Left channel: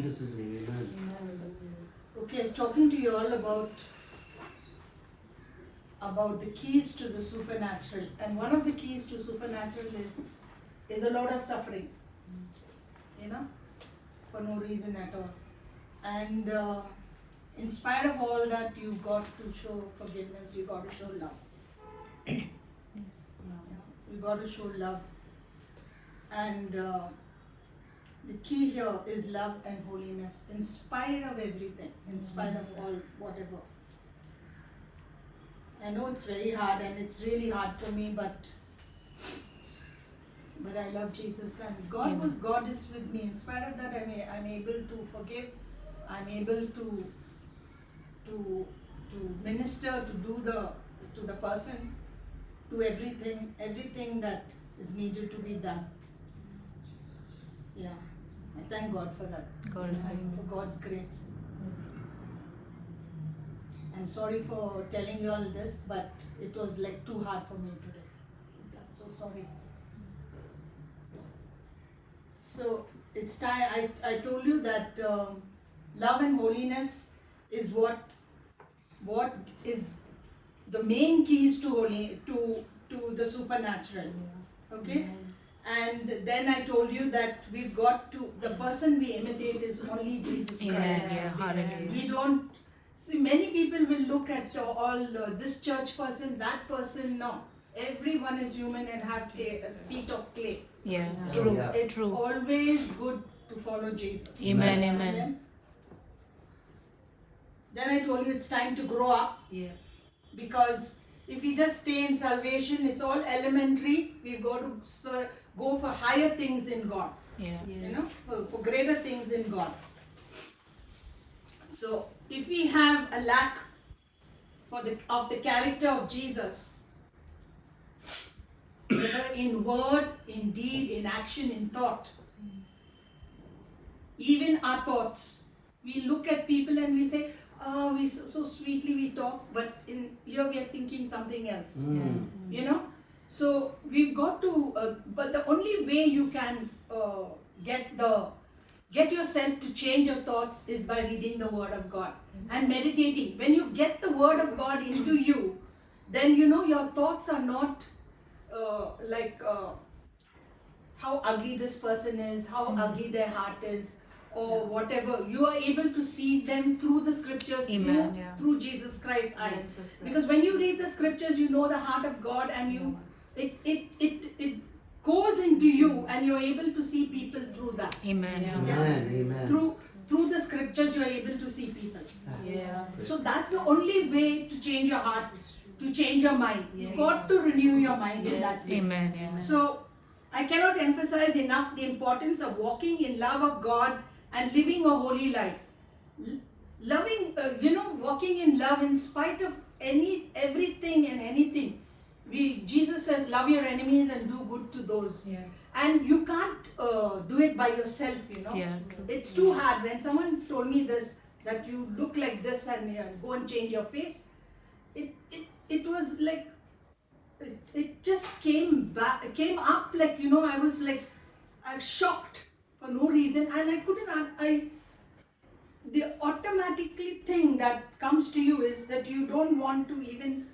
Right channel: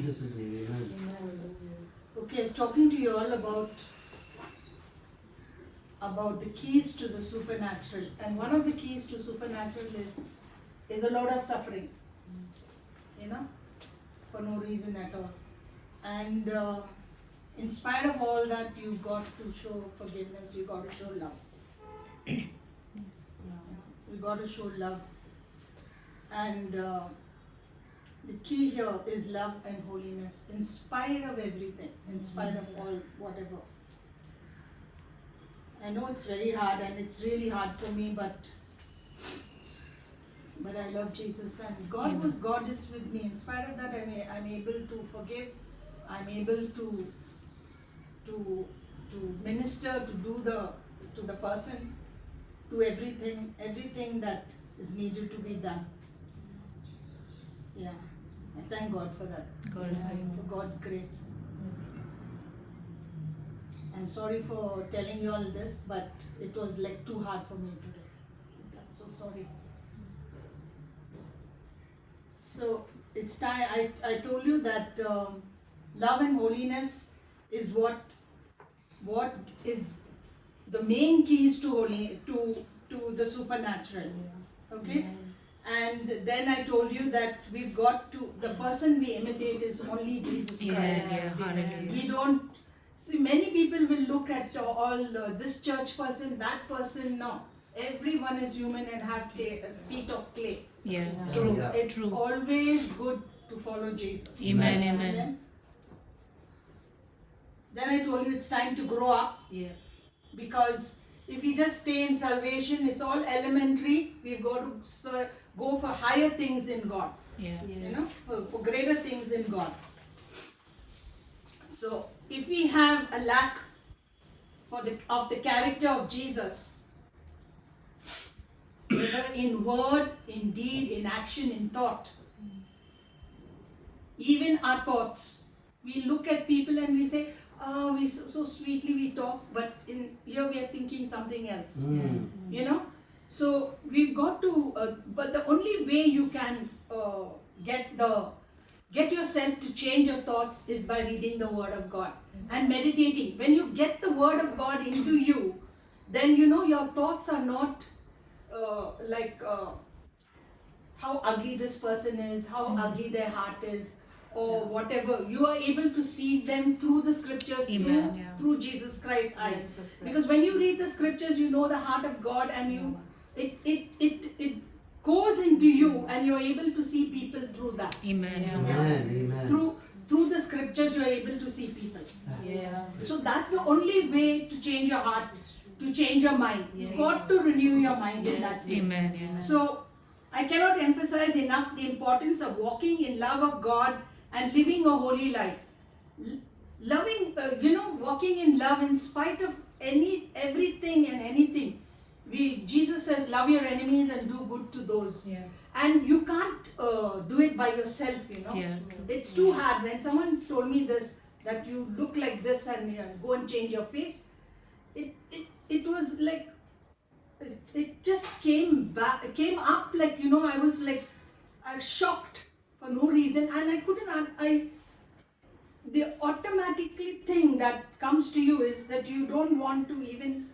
Jesus' name. Amen. Okay, I was talking to you all about the keys to the supernatural, and one of the keys to supernatural is a lot of suffering, for no reason at all. And in spite of all that, you got to show forgiveness. You got to show love. You got to show love, and the key here is love and holiness, in spite of everything, in spite of all whatever. I know it's very hard, and it's really hard for me, but I love Jesus, and God is with me. In spite of that, I'm able to forgive. I'm able to minister, to do to the person, to everything that is needed to be done. Yeah, I thank God for that. For God's grace. I'm sorry for telling you all this, but it was like too hard for me today. I'm so sorry. So it's time. I told you that love and holiness is what is the main keys to the supernatural. Okay. And then I told you that we've got to, the person we imitate is only Jesus Christ. We don't, see, many people will look at all this church person, that person. No, everyone is human and have feet of clay. So it's always good to follow Jesus. Amen. Then I told you it's time to grow up. Because if we just stay in salvation, it's all elementary. We've got to go for higher things in God. For greater things in God. So if we have a lack of the character of Jesus, whether in word, in deed, in action, in thought, even our thoughts, we look at people and we say, oh, we so sweetly we talk, but in here we are thinking something else. So we've got to, but the only way you can get yourself to change your thoughts is by reading the Word of God and meditating. When you get the Word of God into you, then your thoughts are not like how ugly this person is, how ugly their heart is, or whatever. You are able to see them through the scriptures, through Jesus Christ's eyes. Because when you read the scriptures, you know the heart of God, and it goes into you, and you're able to see people through that. Amen. Through the scriptures, you're able to see people. So that's the only way to change your heart, to change your mind. You've got to renew your mind in that way. So I cannot emphasize enough the importance of walking in love of God and living a holy life. Loving, walking in love in spite of everything and anything. Jesus says, love your enemies and do good to those. And you can't do it by yourself, It's too hard. When someone told me this, that you look like this and go and change your face, it was like, it just came up like, I was like, I was shocked for no reason, and I couldn't, the automatically thing that comes to you is that you don't want to even,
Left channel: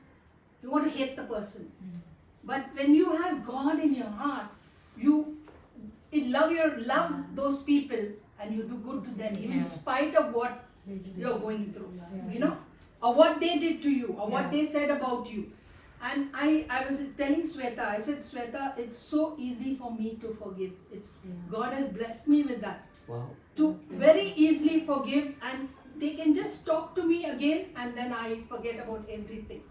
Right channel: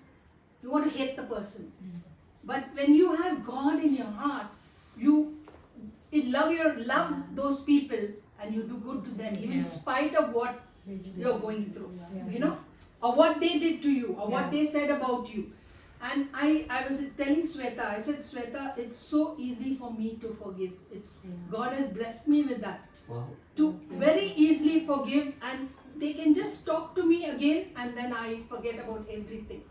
you want to hate the person. But when you have God in your heart, you love those people, and you do good to them, even in spite of what you're going through, or what they did to you, or what they said about you. And I was telling Sweta, I said, Sweta, it's so easy for me to forgive. God has blessed me with that. Wow. To very easily forgive, and they can just talk to me again, and then I forget about everything.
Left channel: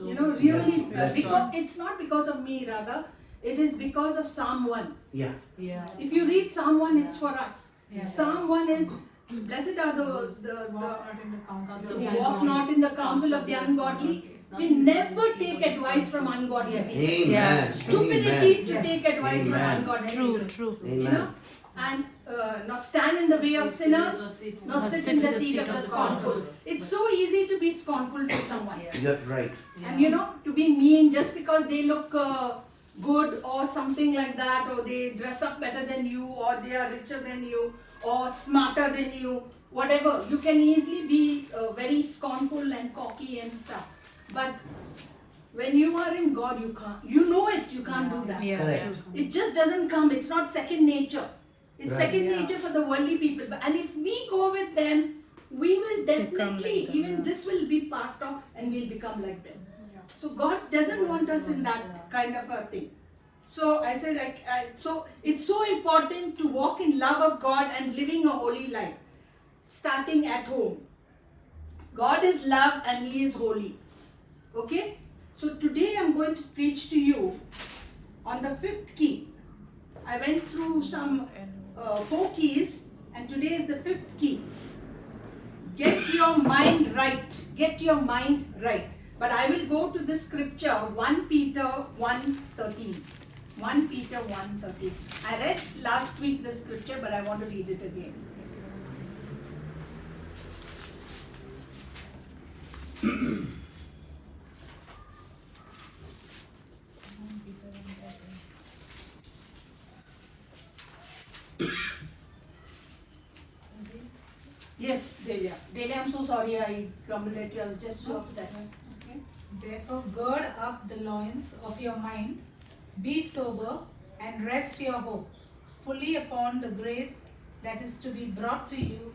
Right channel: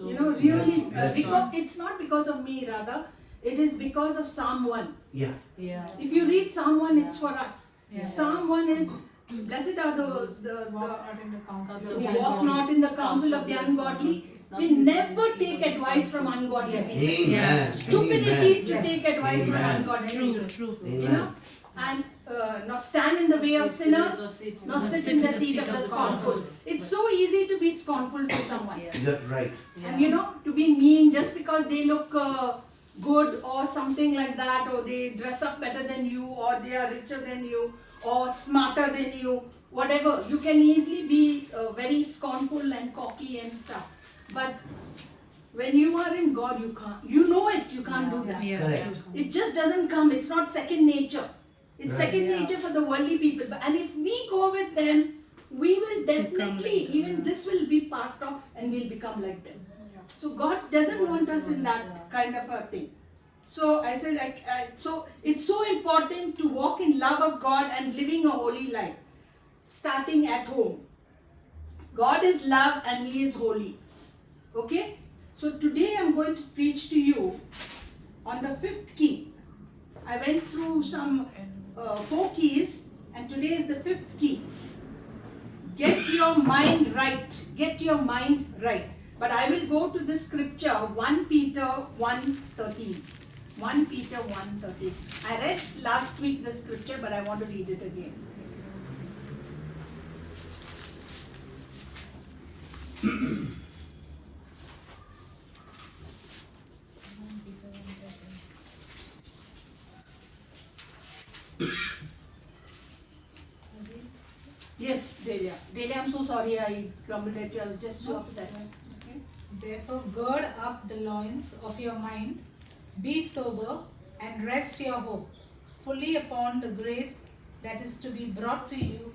Really, because it's not because of me, rather, it is because of Psalm 1. If you read Psalm 1, it's for us. Psalm 1 is, blessed are those who walk not in the counsel of the ungodly. We never take advice from ungodly people. Stupidity to take advice from ungodly people. True. And not stand in the way of sinners, nor sit in the seat of the scornful. It's so easy to be scornful to someone. That's right. And to be mean just because they look good or something like that, or they dress up better than you, or they are richer than you, or smarter than you, whatever. You can easily be very scornful and cocky and stuff. But when you are in God, you can't. You know it. You can't do that. Yeah. Correct. It just doesn't come. It's not second nature. It's Right. second nature for the worldly people. And if we go with them, we will definitely, like them, even this will be passed on and we'll become like them. So God doesn't want us in that kind of a thing. So I said, so it's so important to walk in love of God and living a holy life, starting at home. God is love and He is holy. Okay? So today I'm going to preach to you on the fifth key. I went through some 4 keys, and today is the fifth key. Get your mind right. Get your mind right. But I will go to the scripture 1 Peter 1:13. 1 Peter 1:13. I read last week the scripture, but I want to read it again. Yes, Delia. Delia, I'm so sorry I grumbled at you. I was just so upset. Okay? Therefore, gird up the loins of your mind, be sober, and rest your hope fully upon the grace that is to be brought to you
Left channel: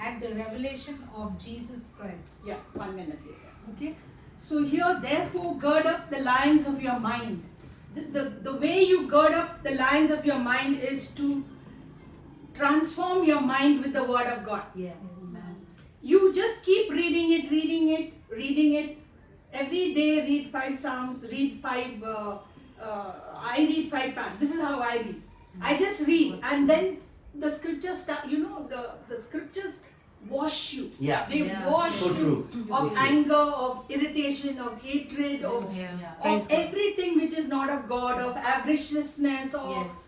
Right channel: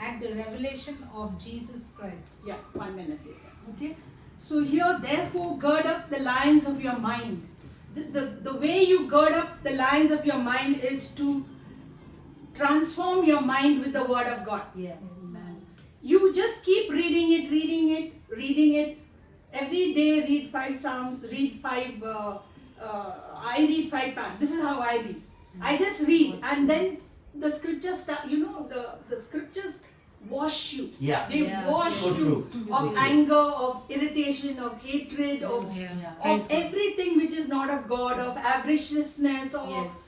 at the revelation of Jesus Christ. Yeah, 1 minute later. Okay. So here, therefore, gird up the lions of your mind. The way you gird up the lions of your mind is to transform your mind with the word of God. Yeah. You just keep reading it. Every day read 5 Psalms, read 5, I read 5 paths. This is how I read. I just read, and then the scriptures start, the scriptures wash you. Yeah. They Yeah. wash So you true. of So true. anger, of irritation, of hatred, of Praise God. everything which is not of God, of avariciousness, or Yes.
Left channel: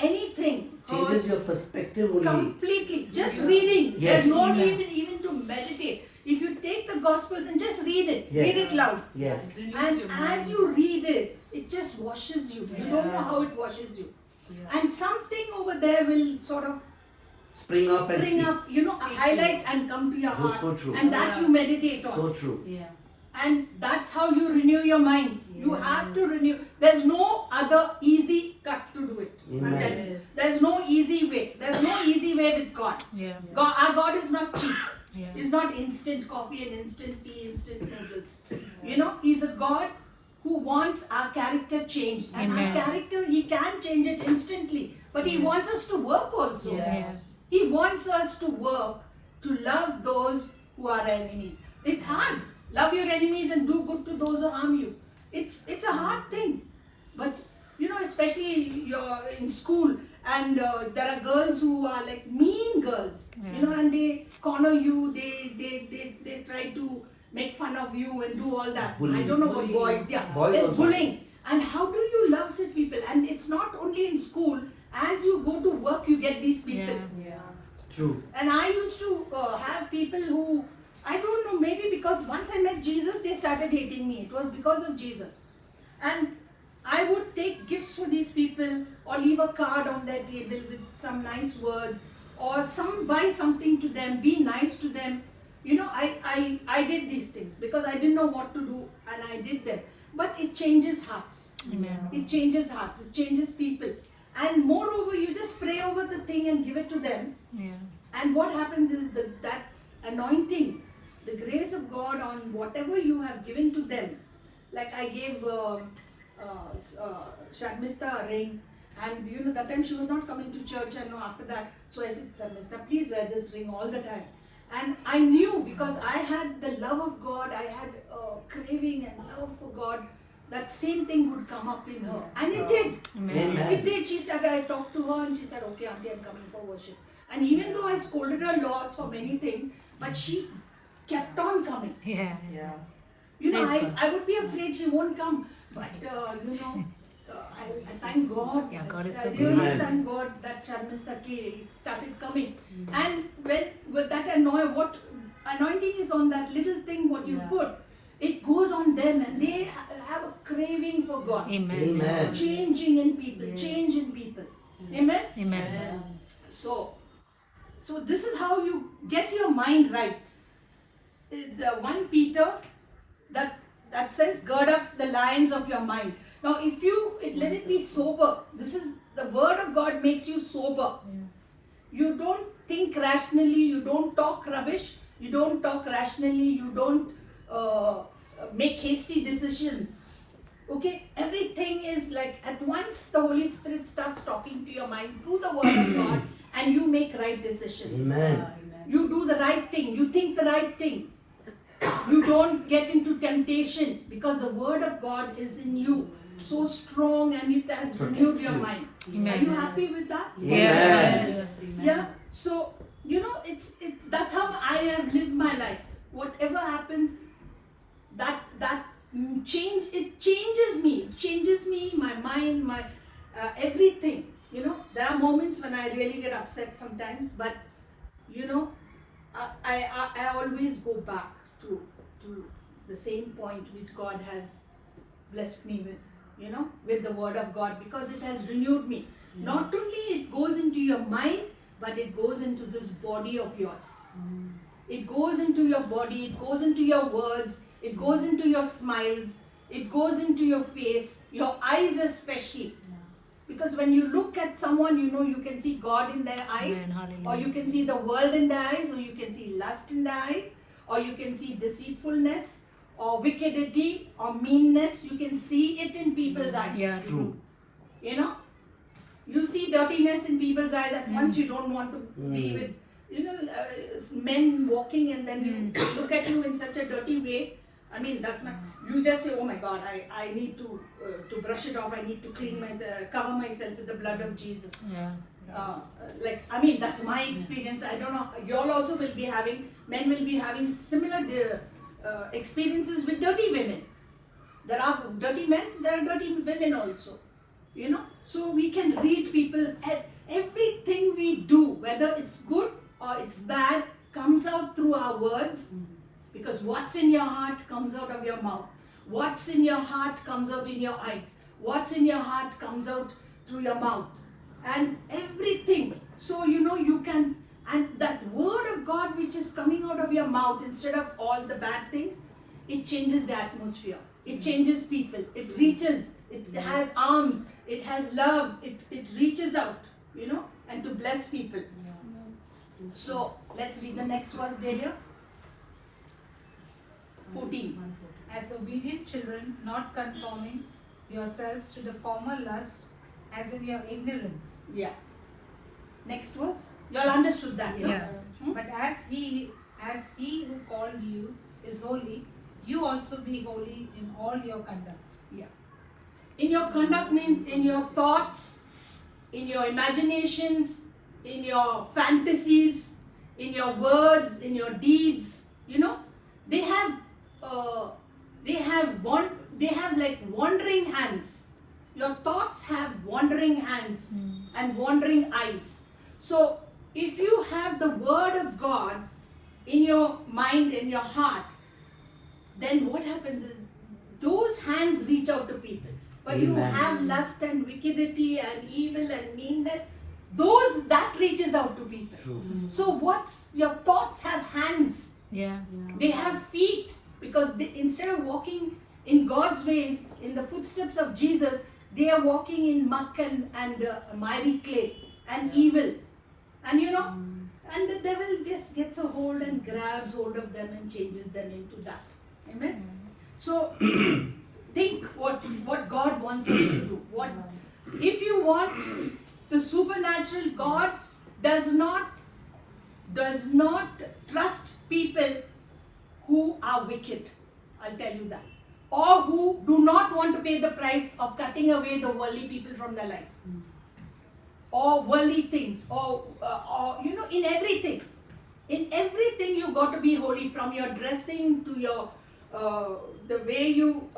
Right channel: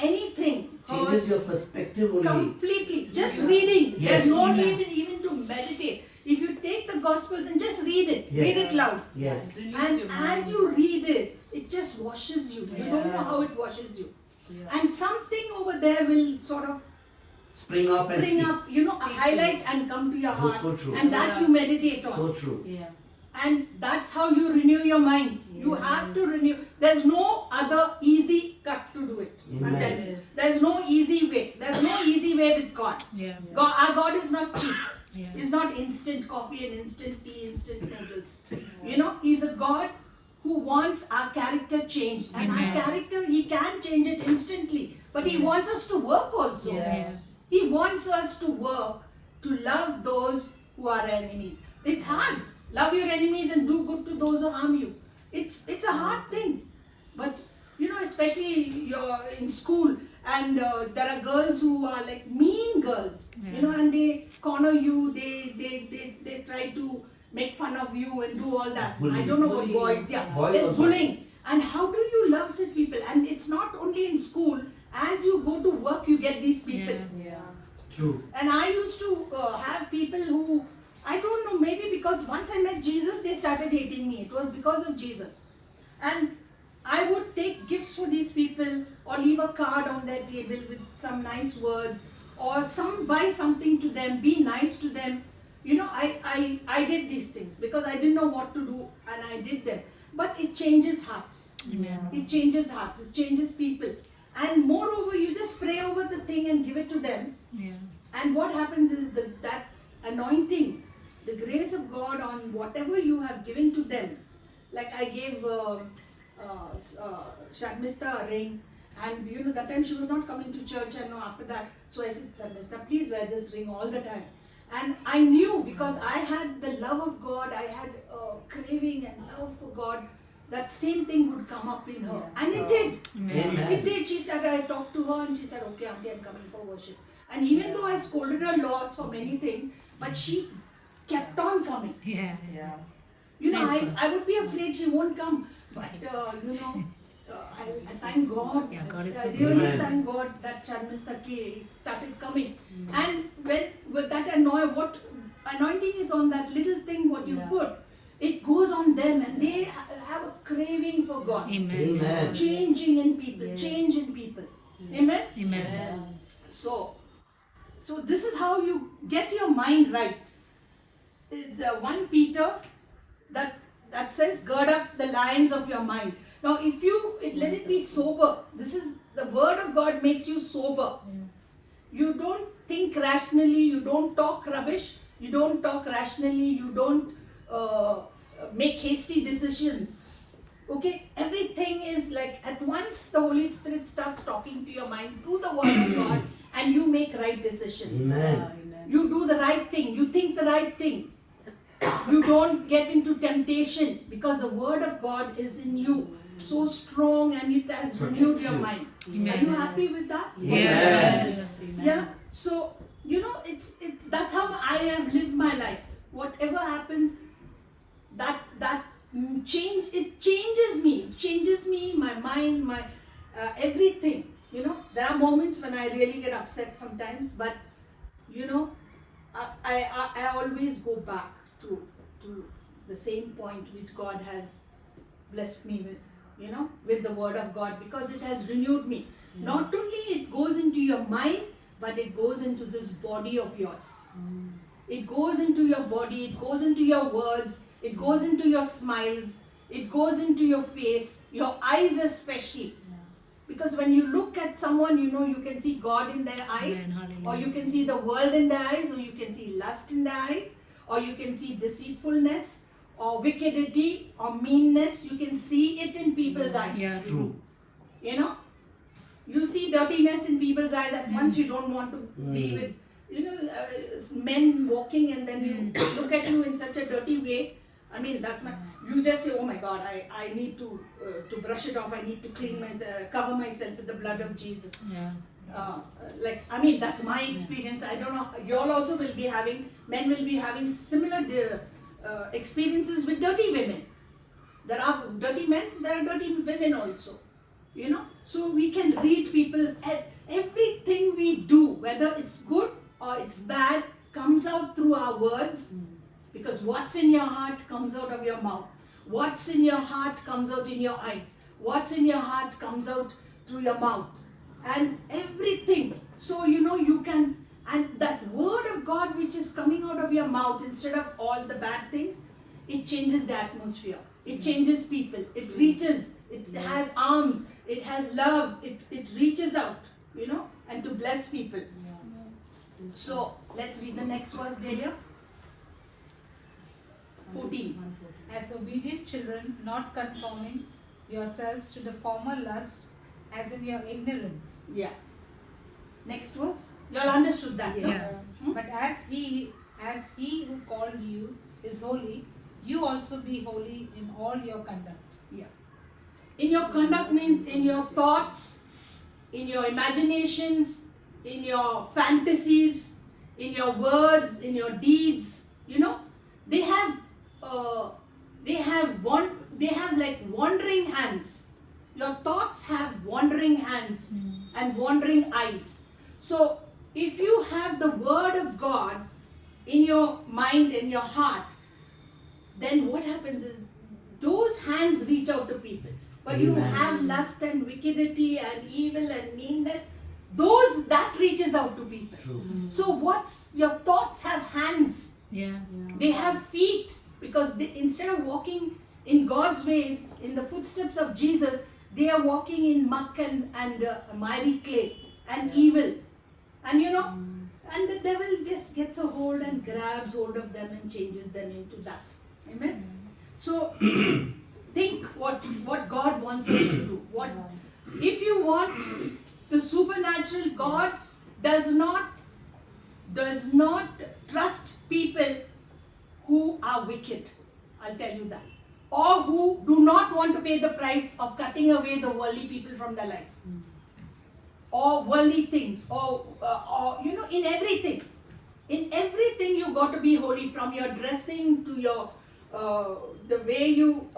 anything. Changes your hurts. perspective only. Completely. Just reading. Yes. There's no need even to meditate. If you take the Gospels and just read it, Yes. read it loud. Yes. And as you read it, it just washes you. You don't know how it washes you. And something over there will sort of Spring up and spring speak. up, highlight and come to your That's heart. so true. And that you meditate on. So true. Yeah. And that's how you renew your mind. You have to renew. There's no other easy cut to do it. I'm Amen. telling you. There's no easy way. There's no easy way with God. Yeah. God, our God is not cheap. Yeah. He's not instant coffee and instant tea, instant noodles. He's a God who wants our character changed. And Amen. our character, He can change it instantly. But He wants us to work also. Yes. He wants us to work to love those who are enemies. It's hard. Love your enemies and do good to those who harm you. It's a hard thing. But especially you're in school and there are girls who are like mean girls, and they corner you, they try to make fun of you and do all that. Bullying. I don't know about boys, yeah. Boys They're also. bullying. And how do you love such people? And it's not only in school. As you go to work, you get these people. Yeah. True. And I used to have people who, I don't know, maybe because once I met Jesus, they started hating me. It was because of Jesus. And I would take gifts for these people or leave a card on their table with some nice words or buy something to them, be nice to them. I did these things because I didn't know what to do and I did them. But it changes hearts. Amen. It changes hearts. It changes people. And moreover, you just pray over the thing and give it to them. Yeah. And what happens is that anointing, the grace of God on whatever you have given to them. Like I gave Sharmista a ring, and that time she was not coming to church, and after that, so I said, Sharmista, please wear this ring all the time. And I knew because I had the love of God, I had craving and love for God, that same thing would come up in her. And it did. Amen. It did. She started, I talked to her and she said, okay, auntie, I'm coming for worship. And even though I scolded her lots for many things, but she kept on coming. Yeah. Praise God. I would be afraid she won't come. But, I thank God. Yeah, God is I so really good. thank God that Sharmista started coming. And with that anointing is on that little thing what you put, it goes on them and they have a craving for God. Amen. Amen. Changing in people, change in people. Amen? Amen. So, So this is how you get your mind right. It's 1 Peter that says, gird up the lions of your mind. Now let it be sober. This is the word of God makes you sober. You don't think rationally, you don't talk rubbish, you don't talk rationally, you don't make hasty decisions. Okay, everything is like at once the Holy Spirit starts talking to your mind through the word of God, and you make right decisions. Amen. You do the right thing, you think the right thing. You don't get into temptation because the word of God is in you so strong and it has renewed your mind. Are you happy with that? Yes. Yeah. So that's how I have lived my life. Whatever happens, that changes me. It changes me, my mind, my everything. There are moments when I really get upset sometimes, but I always go back to the same point which God has blessed me with, with the word of God, because it has renewed me. Not only it goes into your mind, but it goes into this body of yours. It goes into your body, it goes into your words, it goes into your smiles, it goes into your face, your eyes especially. Because when you look at someone, you can see God in their eyes, or you can see the world in their eyes, or you can see lust in their eyes, or you can see deceitfulness, or wickedity, or meanness. You can see it in people's eyes. Yeah. True. You see dirtiness in people's eyes, and once you don't want to be with, men walking, and then you look at you in such a dirty way. I mean, you just say, oh my God, I need to brush it off. I need to clean myself, cover myself with the blood of Jesus. Yeah. That's my experience. I don't know. Y'all also will be men will be having similar experiences with dirty women. There are dirty men, there are dirty women also. So we can read people. Everything we do, whether it's good or it's bad, comes out through our words. Because what's in your heart comes out of your mouth. What's in your heart comes out in your eyes. What's in your heart comes out through your mouth. And everything. So, you can, and that word of God which is coming out of your mouth, instead of all the bad things, it changes the atmosphere. It changes people. It reaches. It has arms. It has love. It reaches out, and to bless people. So, let's read the next verse, Delia. 14. As obedient children, not conforming yourselves to the former lust, as in your ignorance. Yeah. Next verse. You all understood that, no? Yeah. But as he who called you is holy, you also be holy in all your conduct. Yeah. In your conduct means in your thoughts, in your imaginations, in your fantasies, in your words, in your deeds. They have like wandering hands. Your thoughts have wandering hands and wandering eyes. So if you have the word of God in your mind, in your heart, then what happens is those hands reach out to people. But you Amen. have lust and wickedity and evil and meanness, that reaches out to people. True. So your thoughts have hands. Yeah. They have feet, because instead of walking in God's ways, in the footsteps of Jesus, they are walking in muck and miry clay and evil. And and the devil just gets a hold and grabs hold of them and changes them into that. Amen? So, think what God wants us to do. If you want the supernatural, God does not trust people who are wicked. I'll tell you that. Or who do not want to pay the price of cutting away the worldly people from their life. Or worldly things. Or in everything. In everything you got to be holy, from your dressing to your the way you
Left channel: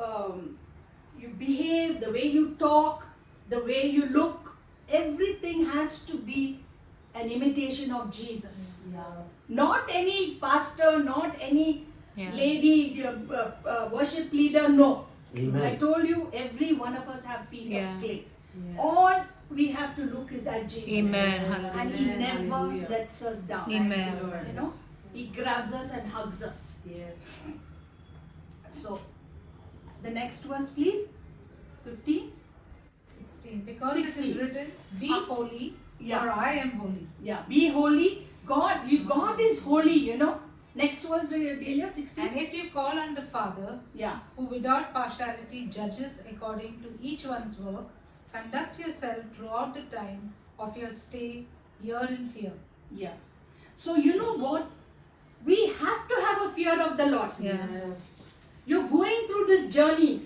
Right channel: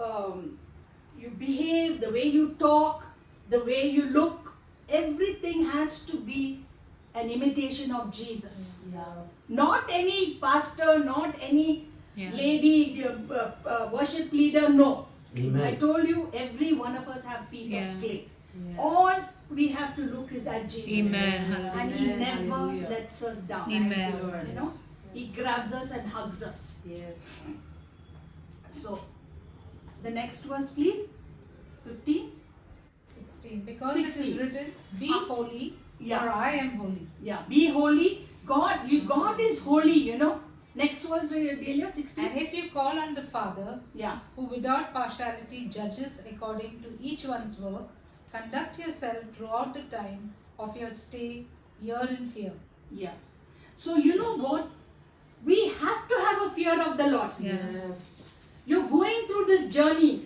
behave, the way you talk, the way you look. Everything has to be an imitation of Jesus. Not any pastor, not any lady, worship leader, no. Amen. I told you, every one of us have feet Yeah. of clay. All we have to look is at Jesus. Amen. And He never Hallelujah. lets us down. Amen. You know, He grabs us and hugs us. Yes. So, the next verse, please. 15. 16. Because it 16. is written, be holy, Yeah. for I am holy. Yeah, be holy. God is holy, you know. Next verse, Delia, 16. And if you call on the Father, Yeah. who without partiality judges according to each one's work, conduct yourself throughout the time of your stay here in fear. Yeah. So, you know what? We have to have a fear of the Lord. Yes. You're going through this journey,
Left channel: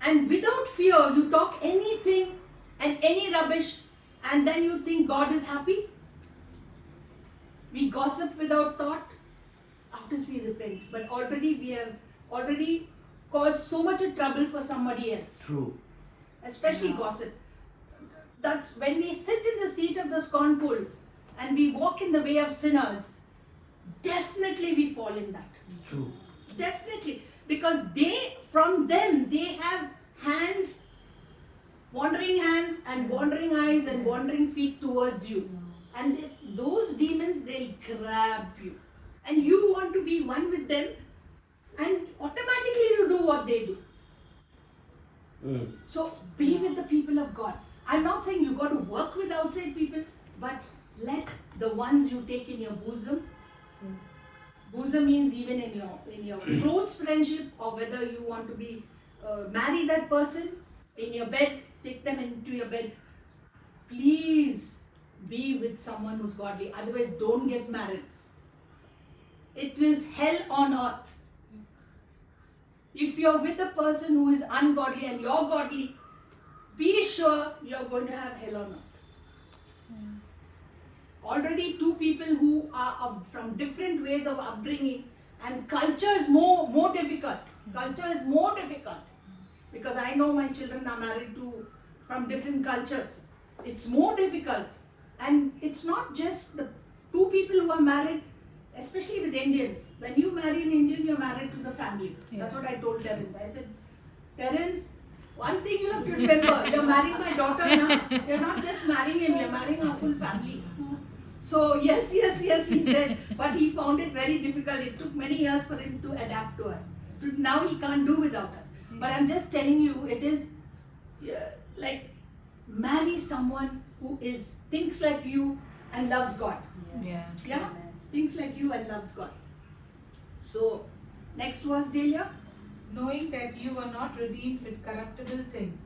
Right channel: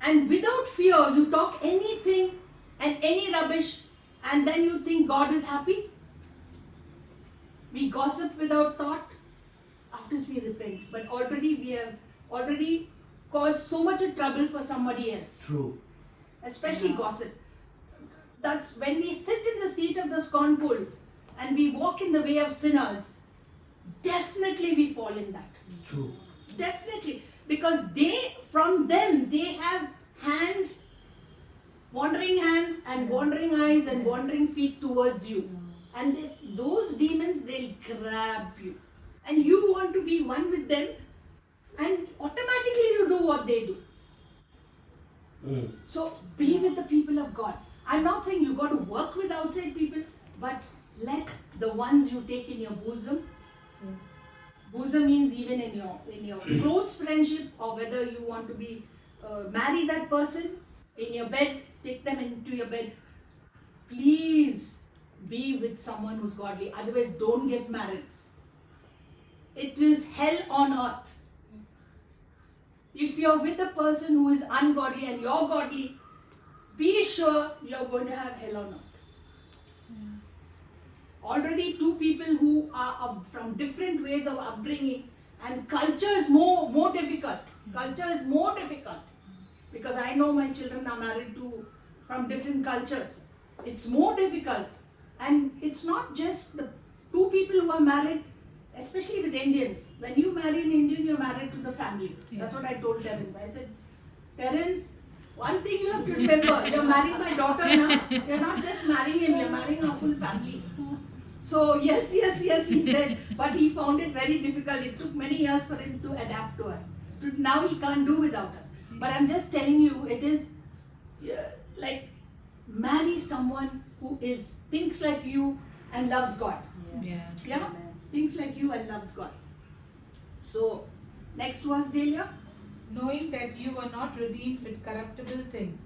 and without fear, you talk anything and any rubbish, and then you think God is happy. We gossip without thought after we repent, but we have already caused so much of trouble for somebody else, True. especially gossip. That's when we sit in the seat of the scornful and we walk in the way of sinners, definitely we fall in that. True. Definitely, because from them, they have hands, wandering hands and wandering eyes and wandering feet towards you. And those demons, they'll grab you. And you want to be one with them, and automatically you do what they do. Mm. So be with the people of God. I'm not saying you got to work with outside people, but let the ones you take in your bosom. Bosom means even in your close friendship, or whether you want to be marry that person in your bed, take them into your bed. Please be with someone who's godly. Otherwise, don't get married. It is hell on earth. If you're with a person who is ungodly and you're godly, be sure you're going to have hell on earth. Already two people who are from different ways of upbringing, and culture is more difficult. Culture is more difficult, because I know my children are married from different cultures. It's more difficult, and it's not just the two people who are married, especially with Indians. When you marry an Indian, you're married to the family. That's what I told Terence. I said, Terence, one thing you have to remember, you're marrying my daughter now. You're not just marrying him, you're marrying our full family. So yes, he said, but he found it very difficult. It took many years for him to adapt to us. Now he can't do without us. But I'm just telling you, it is like marry someone who thinks like you and loves God. Yeah. Yeah? Thinks like you and loves God. So, next verse, Delia. Knowing that you were not redeemed with corruptible things,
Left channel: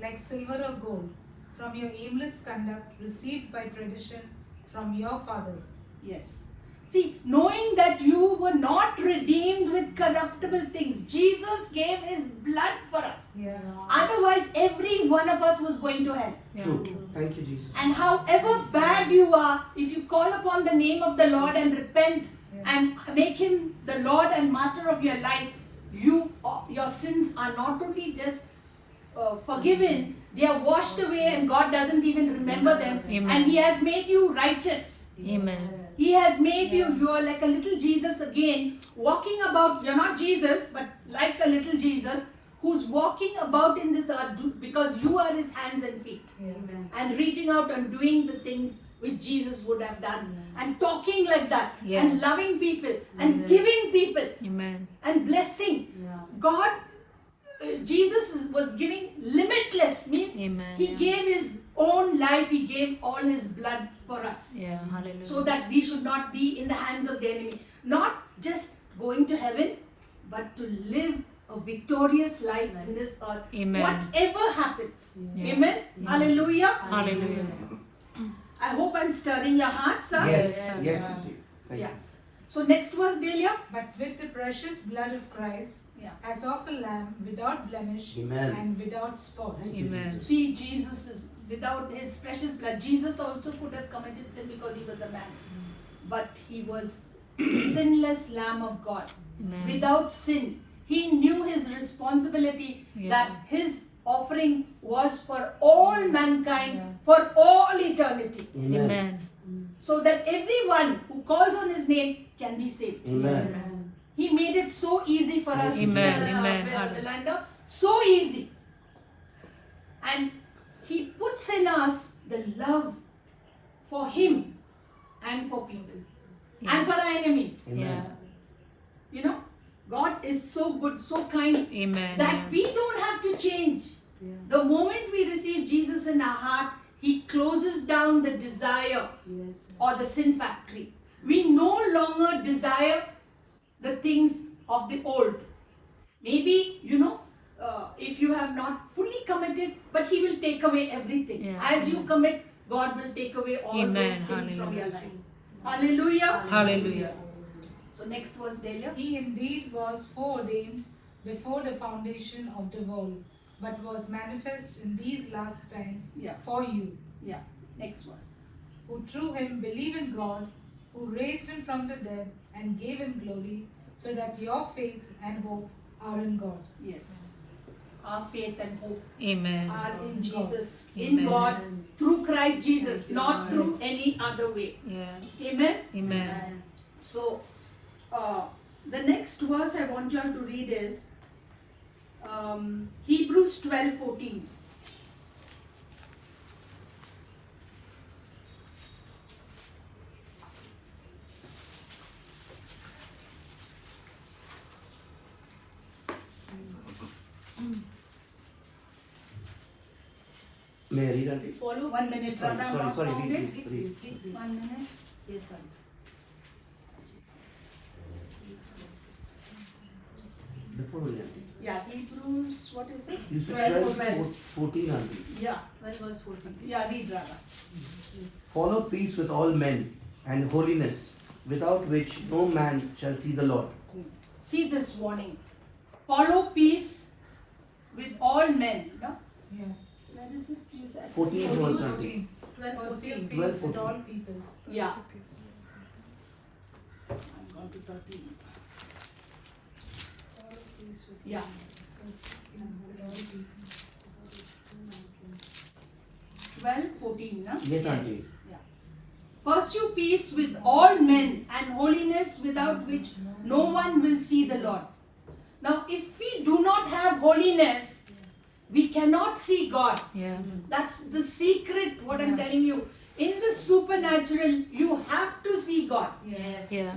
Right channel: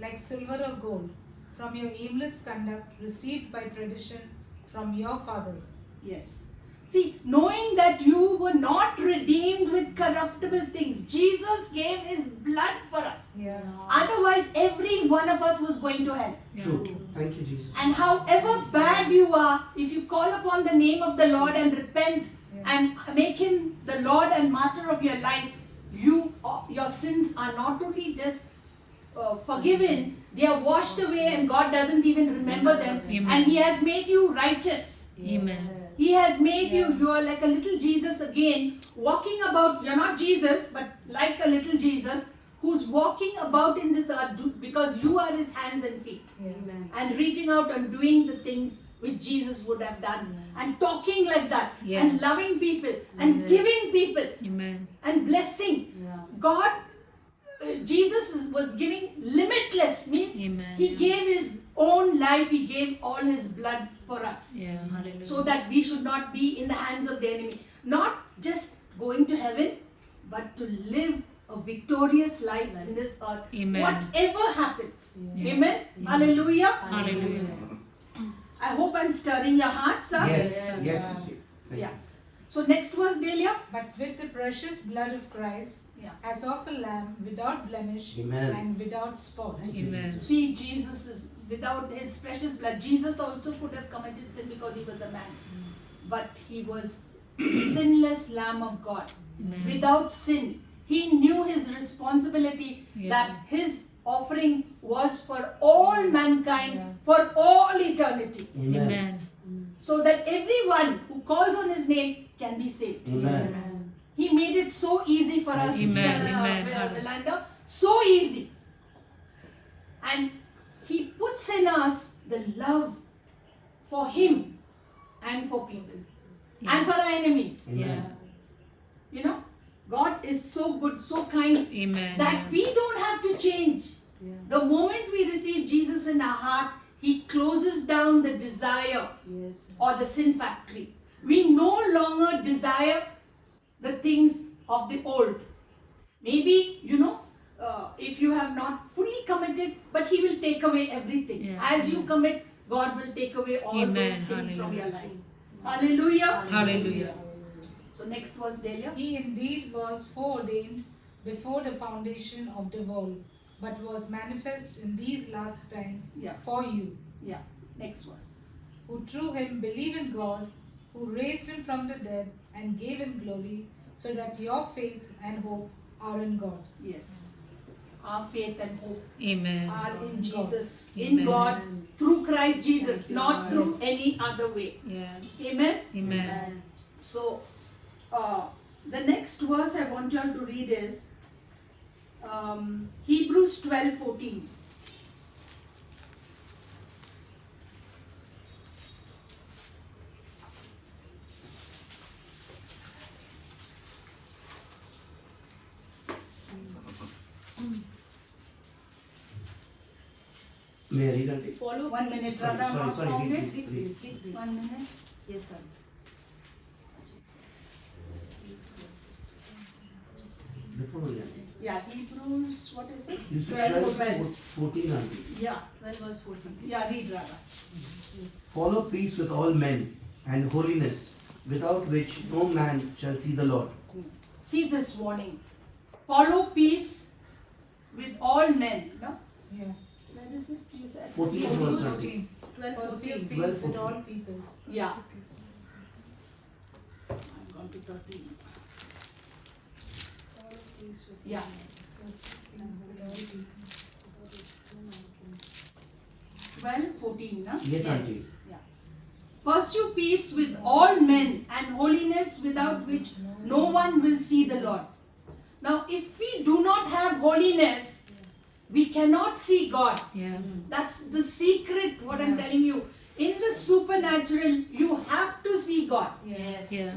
like silver or gold, from your aimless conduct received by tradition from your fathers. Yes. See, knowing that you were not redeemed with corruptible things. Jesus gave His blood for us. Yeah. Otherwise, every one of us was going to hell. True. Thank you, Jesus. And however bad you are, if you call upon the name of the Lord and repent and make Him the Lord and Master of your life, your sins are not only just forgiven, they are washed away, and God doesn't even remember them. Amen. And He has made you righteous. Amen. He has made you are like a little Jesus again, walking about. You're not Jesus, but like a little Jesus who's walking about in this earth because you are His hands and feet. Amen. And reaching out and doing the things which Jesus would have done, and talking like that, Yeah. and loving people, and giving people, Amen. and blessing. God, Jesus was giving limitless, means Amen. He gave His own life, He gave all His blood for us. Yeah. Hallelujah. So that we should not be in the hands of the enemy. Not just going to heaven, but to live a victorious life in this earth. Amen. Whatever happens. Yeah. Amen. Hallelujah. Hallelujah. I hope I'm stirring your hearts. Huh? Yes. Yes. Thank Yeah. you. So next verse, Delia. But with the precious blood of Christ, Yeah. as of a lamb without blemish Amen. and without spot. Thank you, Amen. Jesus. See, Jesus is without His precious blood. Jesus also could have committed sin because He was a man. But He was sinless Lamb of God. Amen. Without sin. He knew His responsibility Yeah. that His offering was for all mankind, for all eternity. Amen. Amen. So that everyone who calls on His name can be saved. Amen. He made it so easy for us, Amen. Belinda. Amen. So easy. And He puts in us the love for Him and for people and for our enemies. Yeah. You know, God is so good, so kind Amen. that we don't have to change. The moment we receive Jesus in our heart, He closes down the desire or the sin factory. We no longer desire the things of the old. Maybe, if you have not fully committed, but He will take away everything. Yeah. As you commit, God will take away all Amen. those things from your Hallelujah. life. Hallelujah. Hallelujah. So next verse, Delia. He indeed was foreordained before the foundation of the world, but was manifest in these last times Yeah. for you, Yeah, next verse. who through him believe in God, who raised him from the dead and gave him glory, so that your faith and hope are in God. Yes. Our faith and hope Amen. are in Jesus, Amen. in God, through Christ Jesus, not through any other way. Yeah. Amen. Amen. So, the next verse I want you all to read is Hebrews 12:14. May I read on it? Follow 1 minute, Sorry, Radha. sorry, Not sorry, found read, it? read, read. 1 minute. Yes, sir. Before we end. Yeah, Hebrews, what is it? You see 12, 12, 14 only. Yeah, 12 verse 14. yeah, read Radha. Follow peace with all men and holiness, without which no man shall see the Lord. See this warning. Follow peace with all men. No? Yeah. Where is it? You said? 14 verse 20. Pursue peace 12, with 14. all people. Yeah. I'm going to 13. Yeah. 12, 14, no? Yes, Auntie. Yeah. Pursue peace with all men and holiness, without which no one will see the Lord. Now, if we do not have holiness, we cannot see God. Yeah. That's the secret, what I'm telling you. In the supernatural, you have to see God. Yes. Yeah.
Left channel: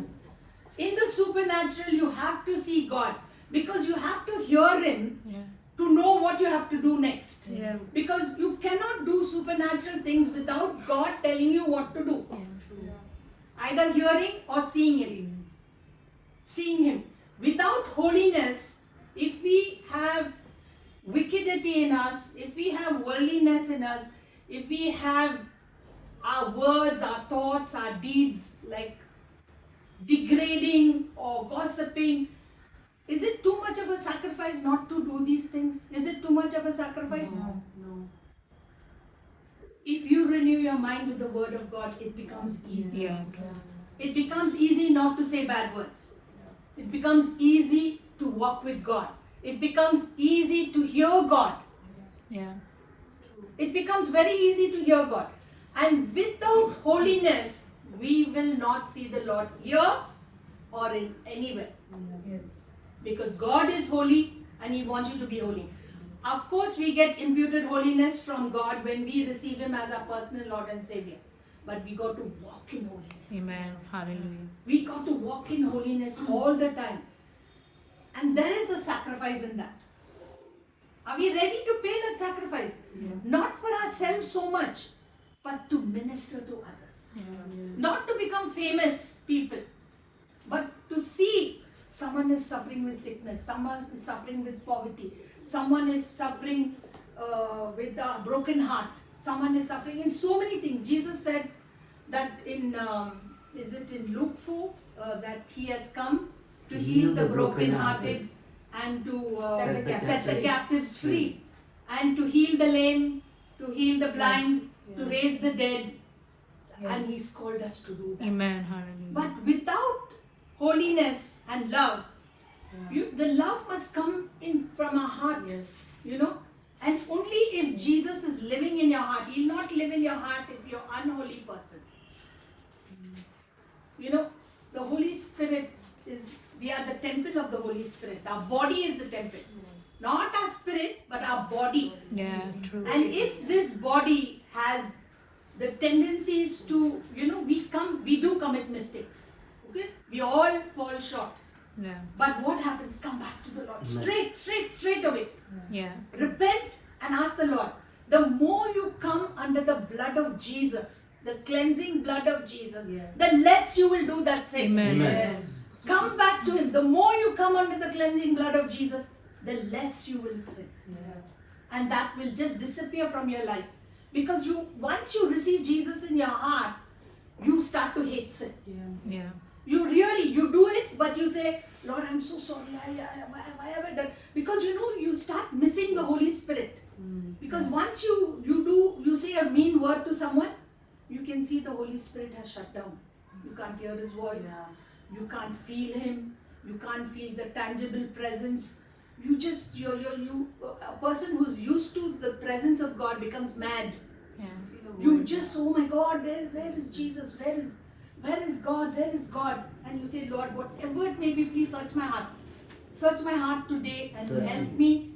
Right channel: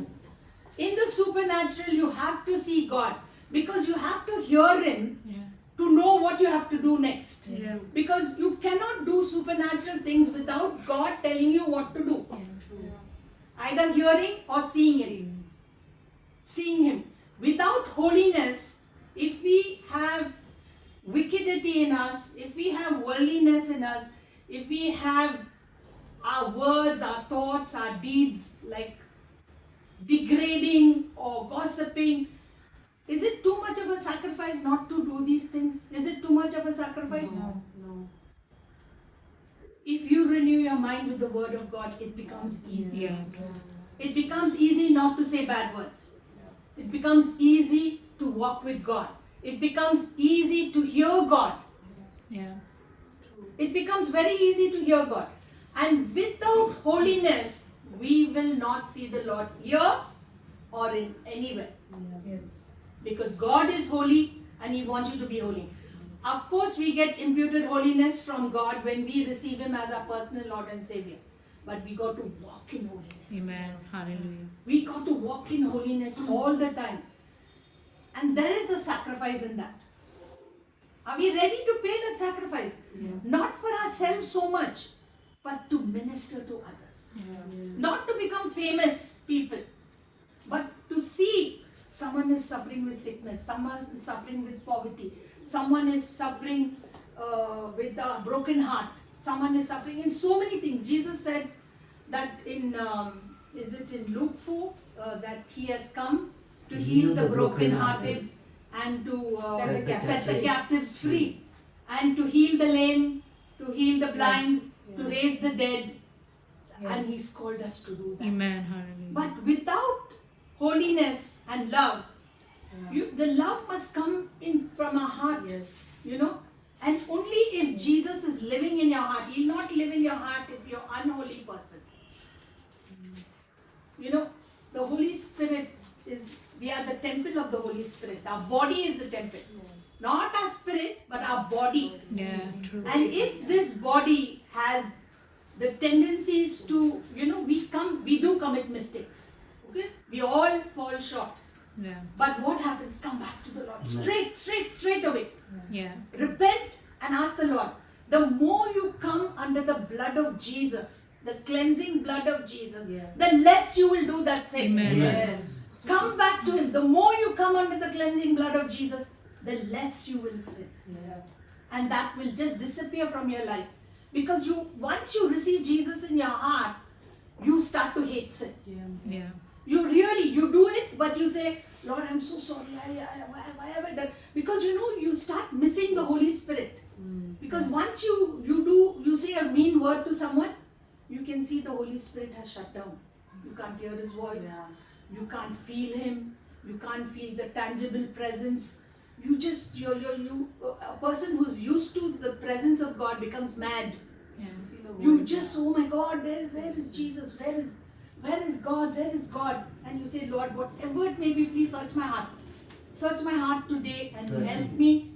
In the supernatural, you have to see God. Because you have to hear Him Yeah. to know what you have to do next. Yeah. Because you cannot do supernatural things without God telling you what to do. Either hearing or seeing Him. Seeing Him. Without holiness, if we have wickedity in us, if we have worldliness in us, if we have our words, our thoughts, our deeds like degrading or gossiping, is it too much of a sacrifice not to do these things? Is it too much of a sacrifice? No. If you renew your mind with the word of God, it becomes easy. Yeah. It becomes easy not to say bad words. It becomes easy to walk with God. It becomes easy to hear God. Yeah. It becomes very easy to hear God. And without holiness, we will not see the Lord here or in anywhere. Yes. Because God is holy and He wants you to be holy. Of course, we get imputed holiness from God when we receive Him as our personal Lord and Savior. But we got to walk in holiness. Amen. Hallelujah. We got to walk in holiness all the time. And there is a sacrifice in that. Are we ready to pay that sacrifice? Not for ourselves so much, but to minister to others. Not to become famous people, but to see someone is suffering with sickness, someone is suffering with poverty, someone is suffering with a broken heart, someone is suffering in so many things. Jesus said that in, is it in Luke 4, that He has come to heal the brokenhearted and to set the captives free, and to heal the lame, to heal the blind, to raise the dead. And He's called us to do that. Amen. Hallelujah. But without holiness and love, the love must come in from our heart, you know. And only if Jesus is living in your heart. He'll not live in your heart if you're an unholy person. You know, the Holy Spirit is, we are the temple of the Holy Spirit. Our body is the temple. Not our spirit, but our body. Yeah, true. And if this body has the tendencies to, we do commit mistakes. Okay? We all fall short. Yeah, But what happens? Come back to the Lord. Straight away. yeah, Repent and ask the Lord. The more you come under the blood of Jesus, the cleansing blood of Jesus, the less you will do that sin. amen. Yes. Come back to Him. The more you come under the cleansing blood of Jesus, the less you will sin. And that will just disappear from your life. Because once you receive Jesus in your heart, you start to hate sin. Yeah, You do it, but you say, Lord, I'm so sorry. Why have I done? Because you start missing the Holy Spirit. Because once you say a mean word to someone, you can see the Holy Spirit has shut down. You can't hear His voice. You can't feel Him. You can't feel the tangible presence. A person who's used to the presence of God becomes mad. yeah, You just, oh my God, where is Jesus? Where is God? Where is God? And you say, Lord, whatever it may be, please search my heart. Search my heart today and Search help it. me.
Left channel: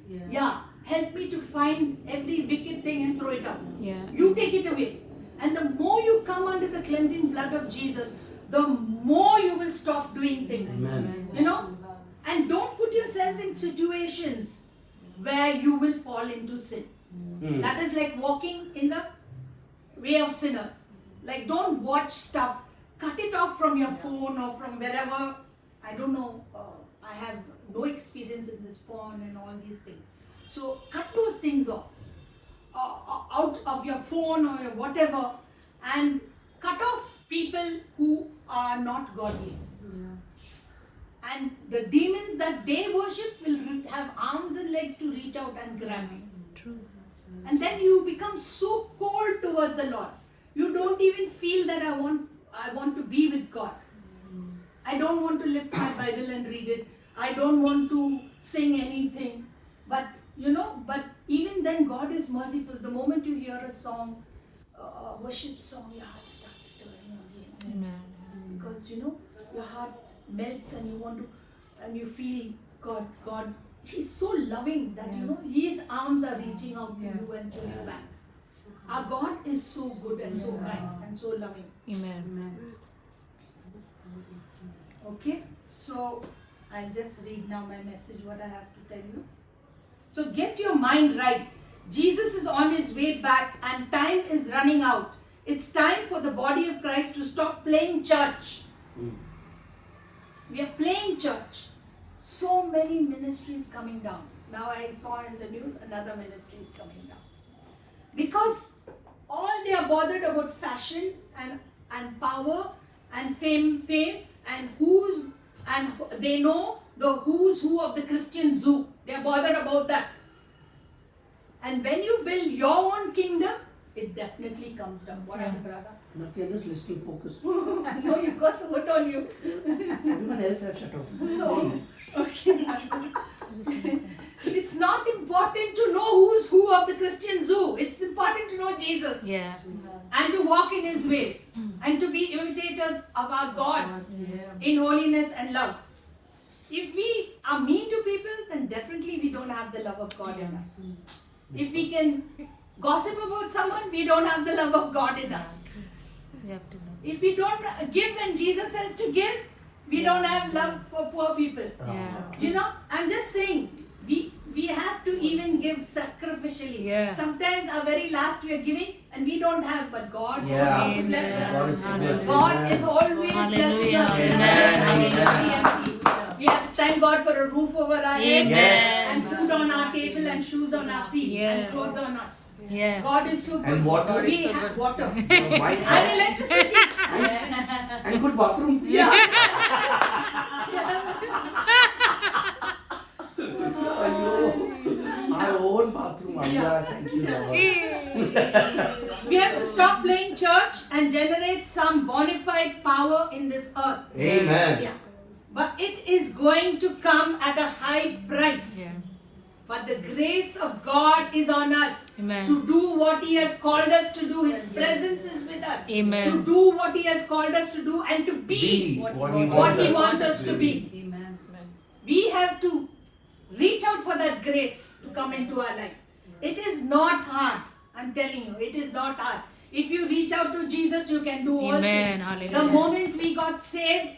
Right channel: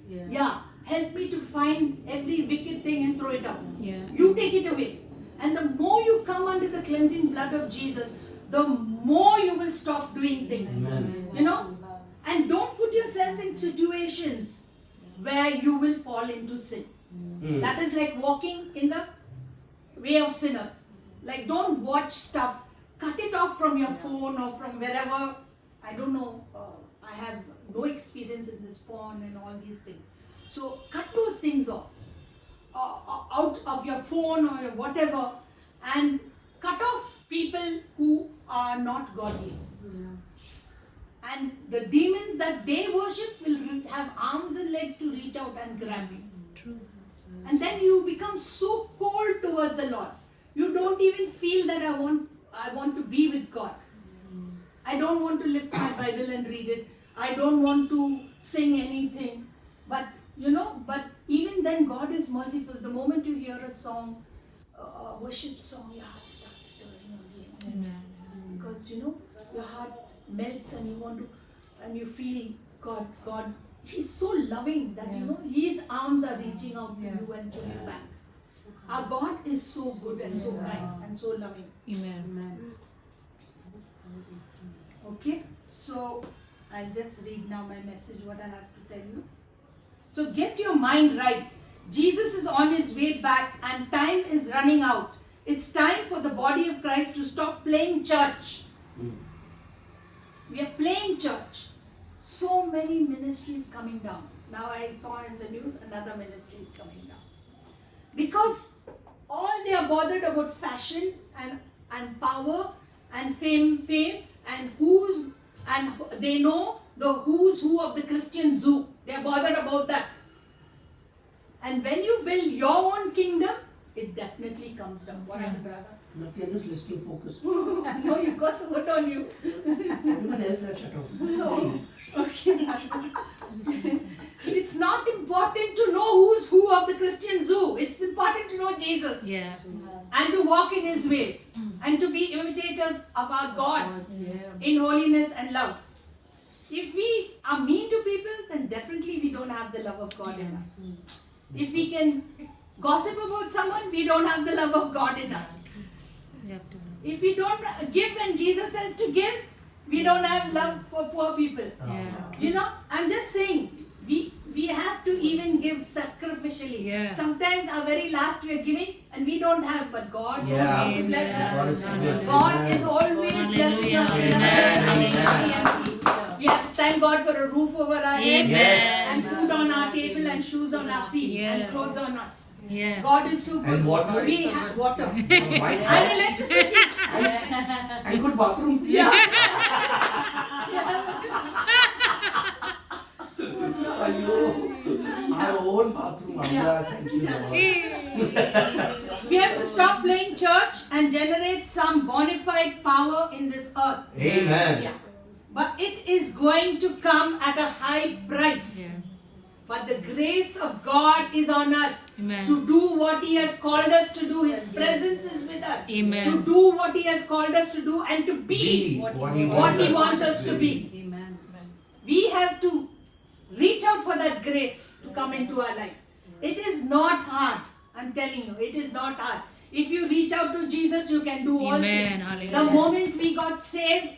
Help me to find every wicked thing and throw it out. yeah, You take it away. And the more you come under the cleansing blood of Jesus, the more you will stop doing things. Amen. And don't put yourself in situations where you will fall into sin. That is like walking in the way of sinners. Like, don't watch stuff. Cut it off from your phone or from wherever. I don't know. I have no experience in this porn and all these things. So cut those things off. Out of your phone or your whatever. And cut off people who are not godly. And the demons that they worship will have arms and legs to reach out and grab you. true. And then you become so cold towards the Lord. You don't even feel that I want to be with God. I don't want to lift my Bible and read it. I don't want to sing anything. But even then God is merciful. The moment you hear a song, a worship song, your heart starts stirring again. Amen. Because your heart melts and you feel God, He's so loving that His arms are reaching out to you and pulling you back. Our God is so good and so kind and so loving. Amen. Okay, so I'll just read now my message, what I have to tell you. So get your mind right. Jesus is on His way back and time is running out. It's time for the body of Christ to stop playing church. We are playing church. So many ministries coming down. Now I saw in the news another ministry is coming down. Because all they are bothered about fashion and power and fame and they know the who's who of the Christian zoo. They are bothered about that. And when you build your own kingdom, it definitely comes down. What happened, brother? Nothing, just listening focused. No, you got the hood on you. Everyone else has shut off. No. Okay. It's not important to know who's who of the Christian zoo. It's important to know Jesus. Yeah, And to walk in His ways. And to be imitators of our God in holiness and love. If we are mean to people, then definitely we don't have the love of God in us. If we can gossip about someone, we don't have the love of God in us. you have to. If we don't give when Jesus says to give, we don't have love for poor people. Yeah, I'm just saying, we have to even give sacrificially. Yeah. Sometimes our very last we are giving and we don't have, but God knows Yeah. how to bless God is us. good. God Amen. is always blessing us. Amen. We have to thank God for a roof over our head Yes. and food on our table and shoes on our feet and Yes. clothes on us. yeah. God is so good. And water. We have water. Why not? And electricity. And good bathroom. Our own bathroom. Allah, thank you, Lord. We have to stop playing church and generate some bona fide power in this earth. Amen. Yeah. But it is going to come at a high price. Yeah. But the grace of God is on us Amen. to do what He has called us to do. His presence is with us. Amen. To do what He has called us to do and to be Be what He wants us to be. We have to reach out for that grace to come into our life. It is not hard. I'm telling you, it is not hard. If you reach out to Jesus, you can do all Amen. things. Hallelujah. The moment we got saved,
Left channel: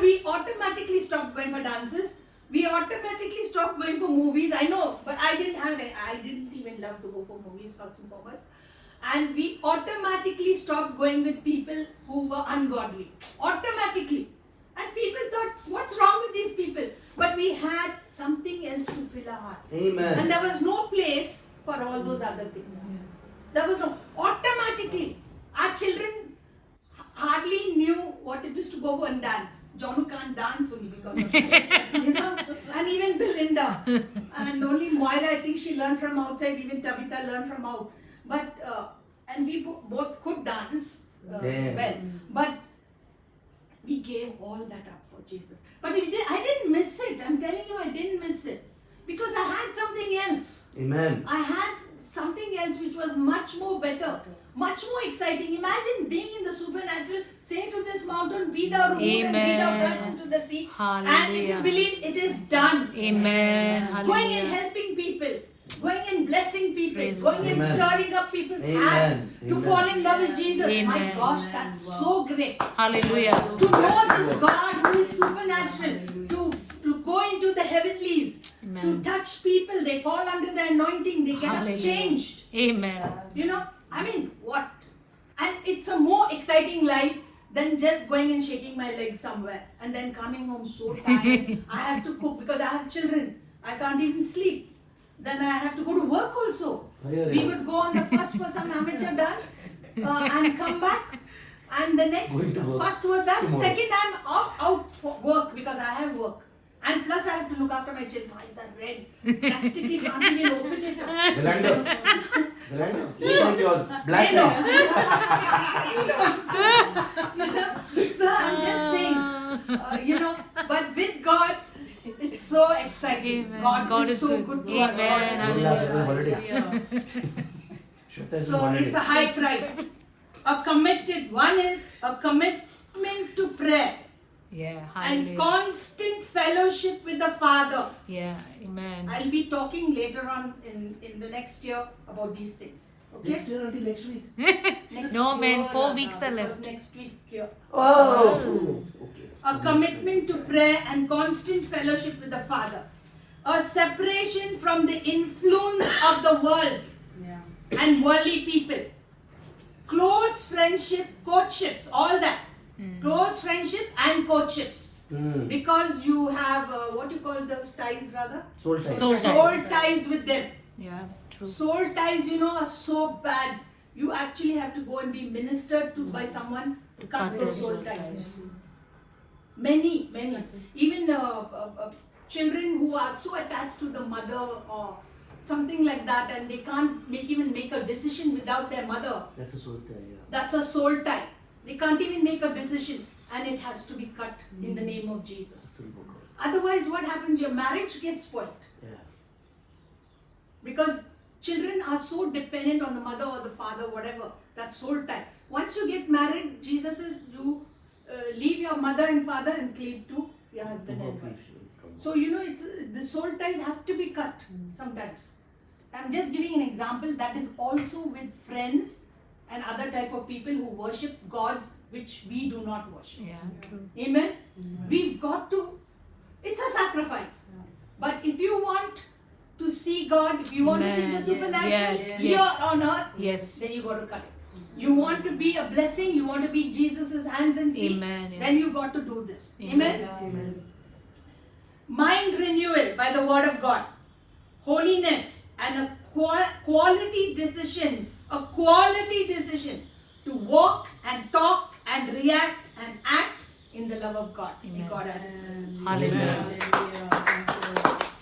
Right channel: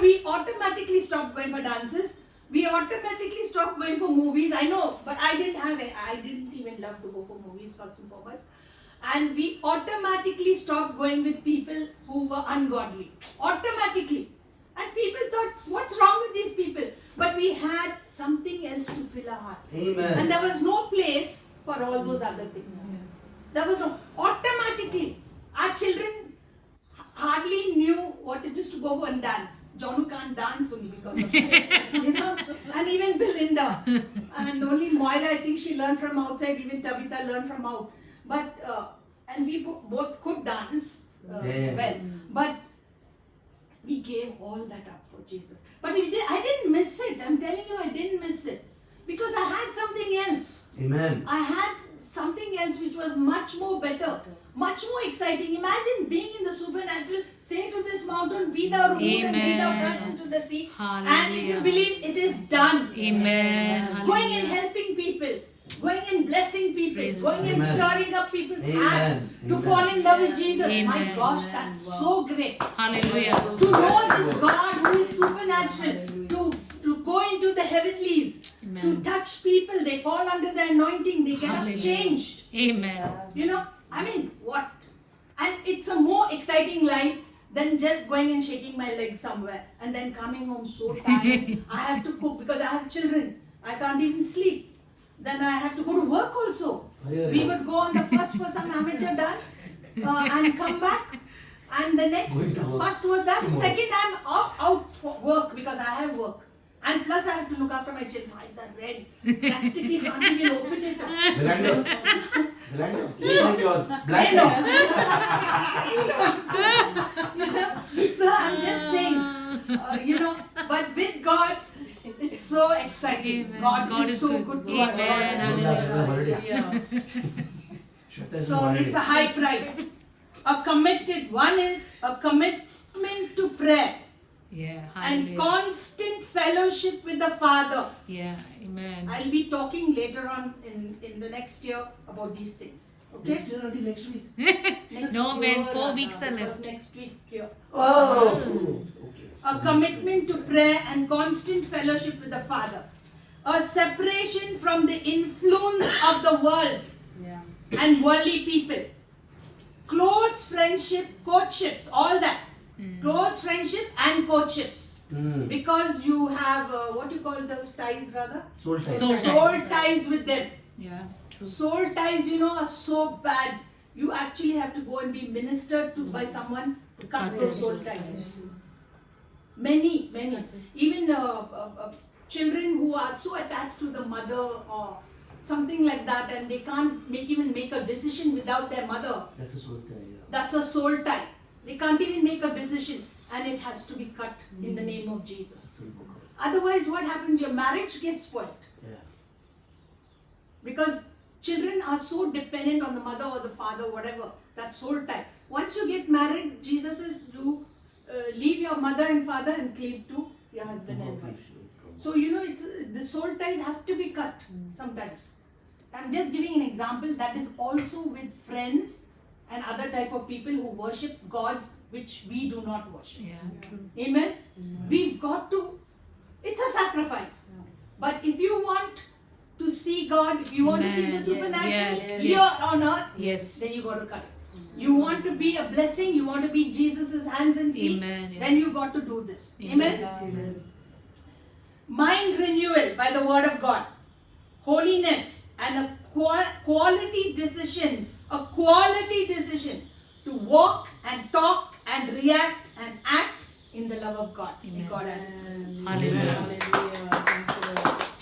we automatically stopped going for dances. We automatically stopped going for movies. I know, but I didn't even love to go for movies first and foremost. And we automatically stopped going with people who were ungodly. Automatically. And people thought, what's wrong with these people? But we had something else to fill our heart. Amen. And there was no place for all those other things. There was no, automatically, our children hardly knew what it is to go for and dance. Jonu can't dance only because of that. You know, and even Belinda. And only Moira, I think she learned from outside, even Tabitha learned from out. But, and we both could dance well. But we gave all that up for Jesus. But I didn't miss it. I'm telling you, I didn't miss it. Because I had something else. Amen. I had something else which was much more better, much more exciting. Imagine being in the supernatural, say to this mountain, be thou removed and be thou cast into the sea. And if you Hallelujah. believe, it is done. Amen. Going and Hallelujah. helping people, going and blessing people, Praise going and God. stirring up people's Amen. hearts to Amen. fall in love with Jesus. My Amen. gosh, that's so great. Hallelujah. To know this God who is supernatural, to go into the heavenlies, Amen. to touch people, they fall under the anointing, they get up Hallelujah. changed. Amen. You know, I mean, what? And it's a more exciting life than just going and shaking my legs somewhere and then coming home so tired. I have to cook because I have children. I can't even sleep. Then I have to go to work also. Really? We would go on the first for some amateur dance and come back. And the next, first was that, second I'm out for work because I have work. And plus I have to look after my children. My eyes are red. Practically can't even open it up. Belinda. Belinda. Yes. Yours. He Black knows. eyes. He knows. You know, so I'm just saying, you know, but with God, it's so exciting. Amen. God, God is is so good. good to us. God is so good Amen. to us. You know. Shweta is So wanted it's a high price. A committed, one is a commitment to prayer Yeah. and Hallelujah. constant fellowship with the Father. Yeah. Amen. I'll be talking later on in the next year about these things. Okay? Next year until next week. Next No, man, year, 4 weeks are because left. next week here. Oh. Okay. A commitment to prayer and constant fellowship with the Father. A separation from the influence of the world and worldly people. Close friendship, courtships, all that. Close friendship and courtships. Because you have, what you call those ties rather? Soul tie. Soul tie. Ties with them. Yeah. True. Soul ties, you know, are so bad. You actually have to go and be ministered to by someone to cut Cut those it. soul ties. Many. Even children who are so attached to the mother or something like that, and they can't even make a decision without their mother. That's a soul tie. Yeah. That's a soul tie. They can't even make a decision, and it has to be cut in the name of Jesus. Simple call. Otherwise, what happens? Your marriage gets spoiled. Yeah. Because children are so dependent on the mother or the father, whatever, that soul tie. Once you get married, Jesus says you leave your mother and father and cleave to your husband and wife. So, you know, it's the soul ties have to be cut sometimes. I'm just giving an example that is also with friends and other type of people who worship gods which we do not worship. Yeah. True. Amen? We've got to, it's a sacrifice. But if you want to see God, if you want to see the Amen. supernatural Yeah. here Yes. on earth, Yes. then you got to cut it. You want to be a blessing, you want to be Jesus' hands and feet, Amen. then you got to do this. Amen? Amen. Mind renewal by the word of God, holiness, and a quality decision to walk and talk and react and act in the love of God. May God add His message. Hallelujah.